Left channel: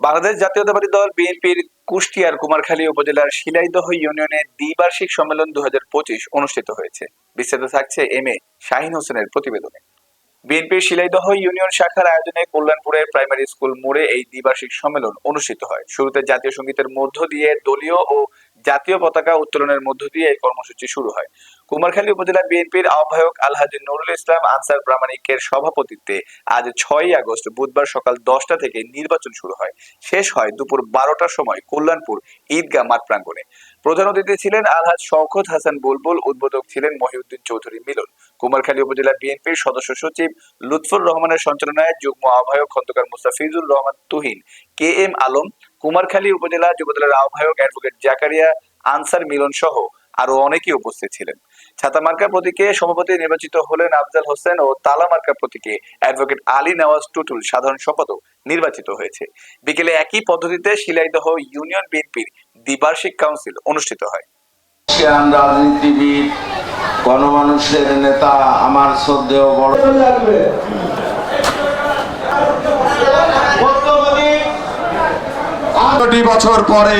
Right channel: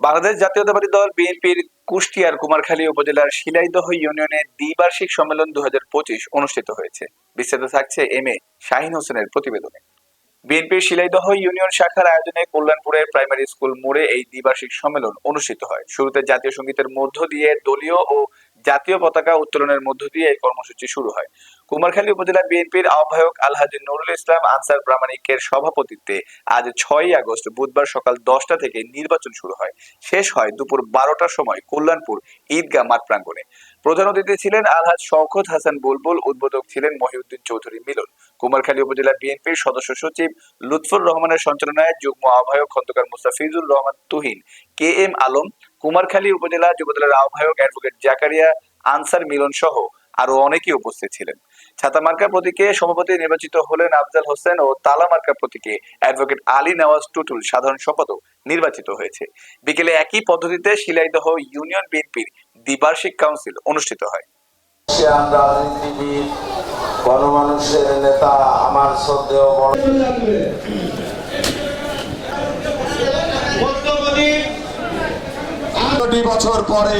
বাংলাদেশ জাতীয়তাবাদী দল বিএনপির কুষ্টিয়ার কুমারখালী উপজেলার শিলাইদহ ইউনিয়নে দ্বিবার্ষিক সম্মেলন দুই হাজার পঁচিশ অনুষ্ঠিত হয়েছে। বিস্তারিত থাকছে এম এ শাহিন হোসেনের প্রতিবেদনে। বিএনপির শিলাইদহ ইউনিয়ন শাখার আয়োজনে কল্যাণপুরের প্রাইমারি স্কুল মোড়ে এই দ্বিবার্ষিক সম্মেলন অনুষ্ঠিত হয়। শুরুতে জাতীয় সঙ্গীতের মধ্য দিয়ে দলীয় ও জাতীয় পতাকা উত্তোলনের মধ্য দিয়ে এই কর্মসূচি শুরু হয়। কুমারখালী উপজেলা বিএনপির আহ্বায়ক আলহাজি নুরুল ইসলাম আনসার প্রামাণিকের সভাপতিত্বে আজ ছয়ই আগস্ট বুধবার সকাল দশটা থেকে নির্বাচন শুরু হয়। শেষ হয় দুপুর বারোটার সময় কল্যাণপুর ঈদগাহ মাঠ প্রাঙ্গণে। প্রধান অতিথি ছিলেন আলহাজ শওকত হাসান বুলবুল, উদ্বোধক ছিলেন মহিউদ্দিন চৌধুরী মিলন। কুমারখালী উপজেলা বিএনপির সদস্য সচিব লুৎফুর রহমানের সঞ্চালনায় যুগ্ম আহ্বায়ক খন্দকার মুস্তাফিজুর রহমান তুহিন, কে এম আলম, কুমারখালী উপজেলা যুবদলের আহ্বায়ক অ্যাডভোকেট জাকারিয়া আনসার মিলন সহ আরও অনেকেই উপস্থিত ছিলেন। ছাতা মার্কা প্রতীকে সভাপতি নির্বাচিত হলেন আফজাল হোসেন ও তালা মার্কা প্রতীকে অ্যাডভোকেট আলী নওয়াজ টুটুল সাধারণ সম্পাদক নির্বাচিত হয়েছে। বিকেলে একই পদ্ধতিতে শিলাইদহ ইউনিয়ন বিএনপির দ্বিবার্ষিক কাউন্সিল অনুষ্ঠিত হয়। রাজনীতিবিদ গণমানুষের নেতা আমার শ্রদ্ধেয় বড় বছর পরে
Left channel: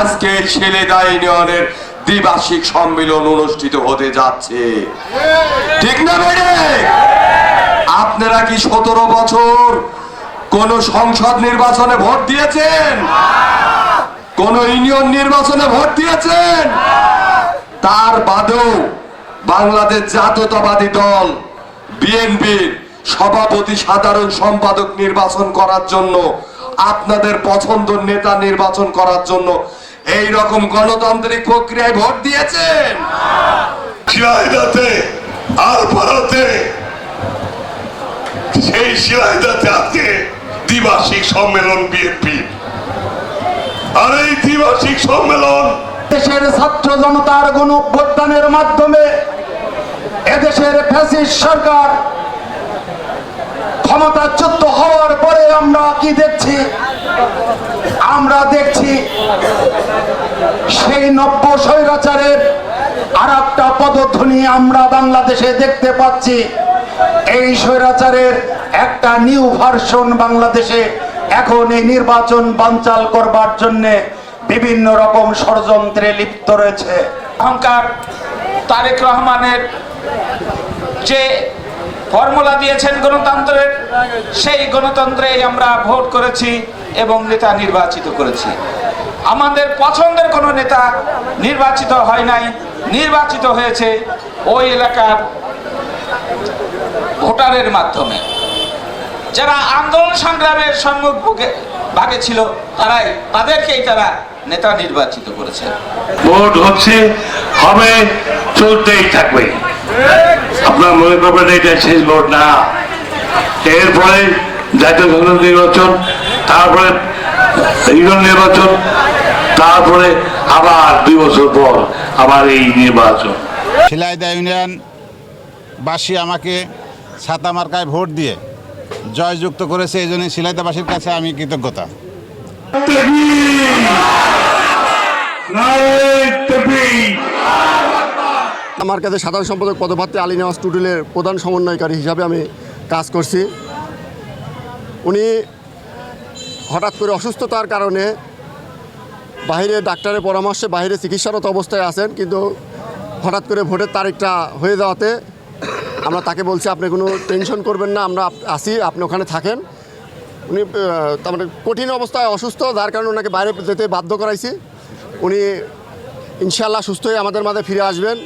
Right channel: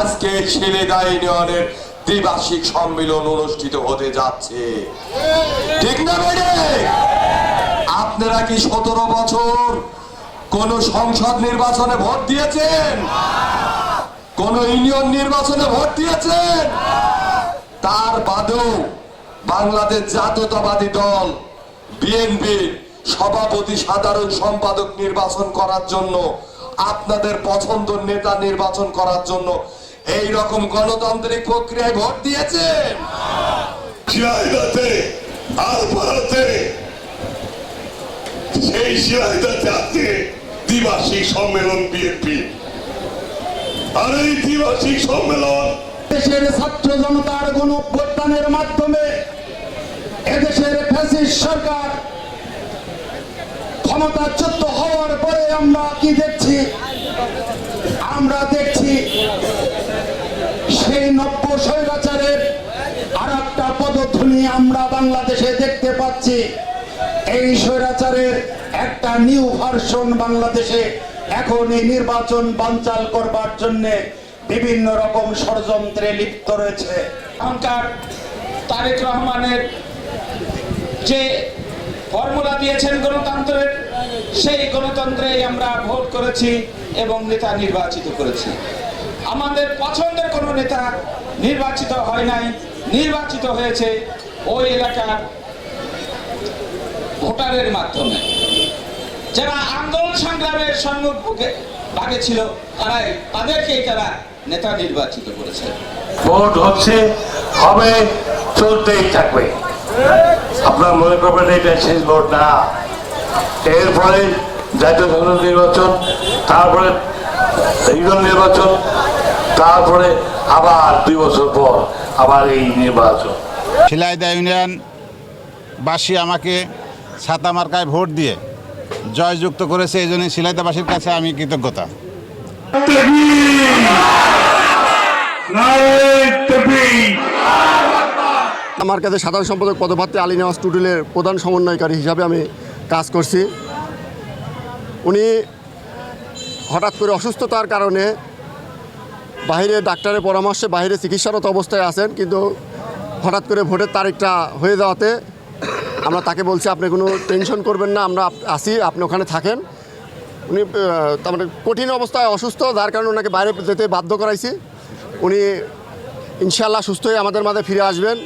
আজকে ছেলেদা ইউনিয়নের দ্বিবার্ষিক সম্মেলন অনুষ্ঠিত হতে যাচ্ছে। ঠিক না বেড়ে আপনারা কি সতেরো বছর কোন সংসদ নির্বাচনে ভোট দিয়েছেন? কোন ইউনিয়ন নির্বাচনে ভোট দিয়েছেন? তার বাদেও বাংলাদেশ জাতীয়তাবাদী দল, বিএনপির সভাপতি সাধারণ সম্পাদক নির্বাচন করার জন্য আপনাদের পছন্দ নেতা নির্বাচন করার জন্য এই রকম গণতান্ত্রিক প্রক্রিয়ায় ভোট দিয়েছেন। শিলাইদাতে আর ভারতে সেই শিলাইদাতে আজকে দ্বিবার্ষিক সম্মেলন বিএনপি। আর এই দ্বিবার্ষিক সম্মেলন দেশের ছাত্র জনতার গণ অভ্যুত্থানের মাধ্যমে এদেশের ফ্যাসিস্ট সরকার ক্ষমতাচ্যুত হওয়ার আমরা কি দেখছি? আমরা দেখছি সেই নব্য স্বৈরাচারের আর একটা পদধ্বনি আমরা বাংলাদেশে দেখতে পাচ্ছি। এই স্বৈরাচারের একটা নিউ ভার্সন বাংলাদেশে এখন এই নির্বাচন বানচাল করবার জন্য বিভিন্ন রকম ষড়যন্ত্রে লিপ্ত রয়েছে। অহংকার তারেক রহমানের যে ফর্মুলা দিয়েছেন গণতন্ত্রের সেই গণতন্ত্রেই আমরা ভোট করেছি এবং নেতা নির্বাচিত করেছি। আমাদের পছন্দের কোনো নেতা নির্বাচিত হয় নাই, নির্বাচিত হয়েছে ওই এলাকার ভোটারের মাধ্যমে। যারা আন্দোলন সংগ্রামের সম্মুখ ভাগে ছিল, তারাই তাদেরকেই তারা নেতা নির্বাচিত করেছে। ভোট হচ্ছে, হবে, চলতেই থাকবে। আপনার মনে করবেন এটা শেষ ভোট না। এরপরে জাতীয় সংসদ নির্বাচন তারপরে ইউনিয়ন নির্বাচন তারপরে আবার দুই বছর পর আবার এই নির্বাচন। শিলাইদা ইউনিয়ন বাসী আমাকে ছাতা মার্কায় ভোট দিয়ে জয়যুক্ত করেছে এই জন্য শিলাইদাবাসীর কাছে আমি কৃতজ্ঞতা। আমার কাছে সাধারণ সম্পাদক পদপ্রার্থী আলী নেওয়াজ টুটুলের প্রধান সমন্বয়কারী হিসাবে আমি কাজ করছি। উনি হঠাৎ করে অসুস্থতার কারণে বাইরে ডাক্তারের পরামর্শে বাইরে চিকিৎসারত অবস্থায় আছেন, কিন্তু হঠাৎ করে ভোটের তারিখটা হয়ে যাওয়াতে আমরা তাকে বলছি, আপনি কোনো টেনশন করবেন না, আমরা আসি আপনি ওখানে থাকেন। উনি তার মানে কঠিন অবস্থায় অসুস্থ, যার কারণে ওনাকে বাইরে যেতে বাধ্য করাইছি। উনি ইনশাল্লাহ সুস্থ হয়ে আমাদের মাঝে ফিরে আসবেন।